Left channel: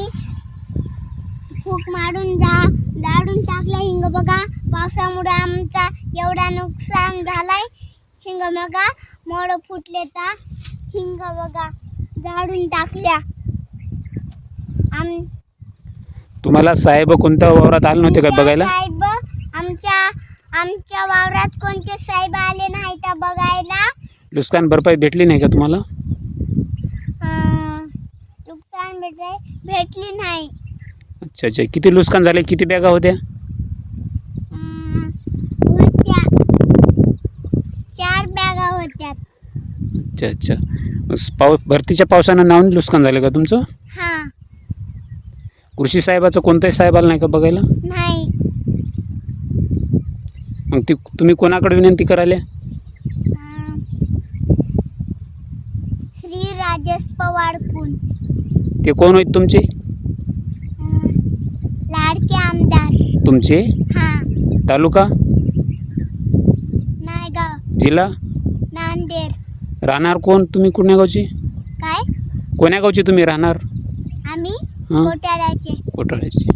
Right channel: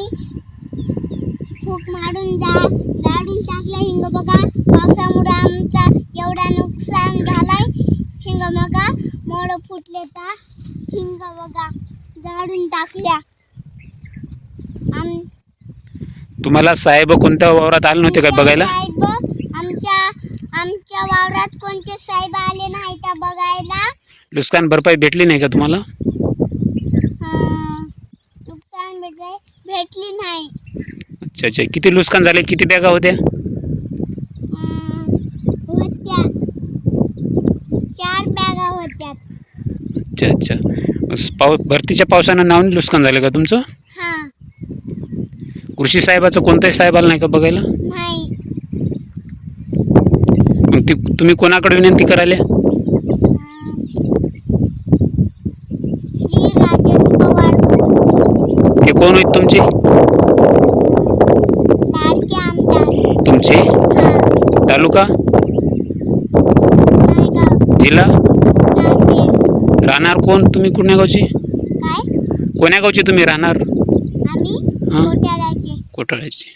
आणि फूक मारून जा लाडून टाकलं हिंग बघा. पावसामुळे आमचा एवढा नुकसान झालाय. हिंग बघा मोड फुटले तर हिंग बघा झाडून टाकल्या. तुम्हाला साहेब कोणत्या वावरात आले नव्हते का बघायला? साहेब आमच्या आमच्या वावरात कोणते साहेब आले नाही का बघायला? नुकसान भरपाई भेटली नाही का तुम्हाला? भेटले भेटली नाही. अच्छा अच्छा. किती नुकसान झाले? किती बॅगा होत्या? अं, होत्या. चार बॅगा होत्या. अच्छा अच्छा. पाऊस भरतीच्या पावसानं नावून नुकसान झालं का तुमचं? हा. कृषी साहेबाचं कोणताही साहेब आला नाही का बघायला? नाही. मग ती तुम्ही कोणाकडे विनंती करायला अं, श्री राजेश पवार कोण ते कोण आहेत तुमचे? लाडके आमदार. तुमचे? हा. तालुका? नायगाव जिल्हा? नांदेड. राहणार कोण तुम्ही कोण्या गावची काय? कोण्या गावची तुम्ही राहणार? आम्ही हां. घोटाळ्याचे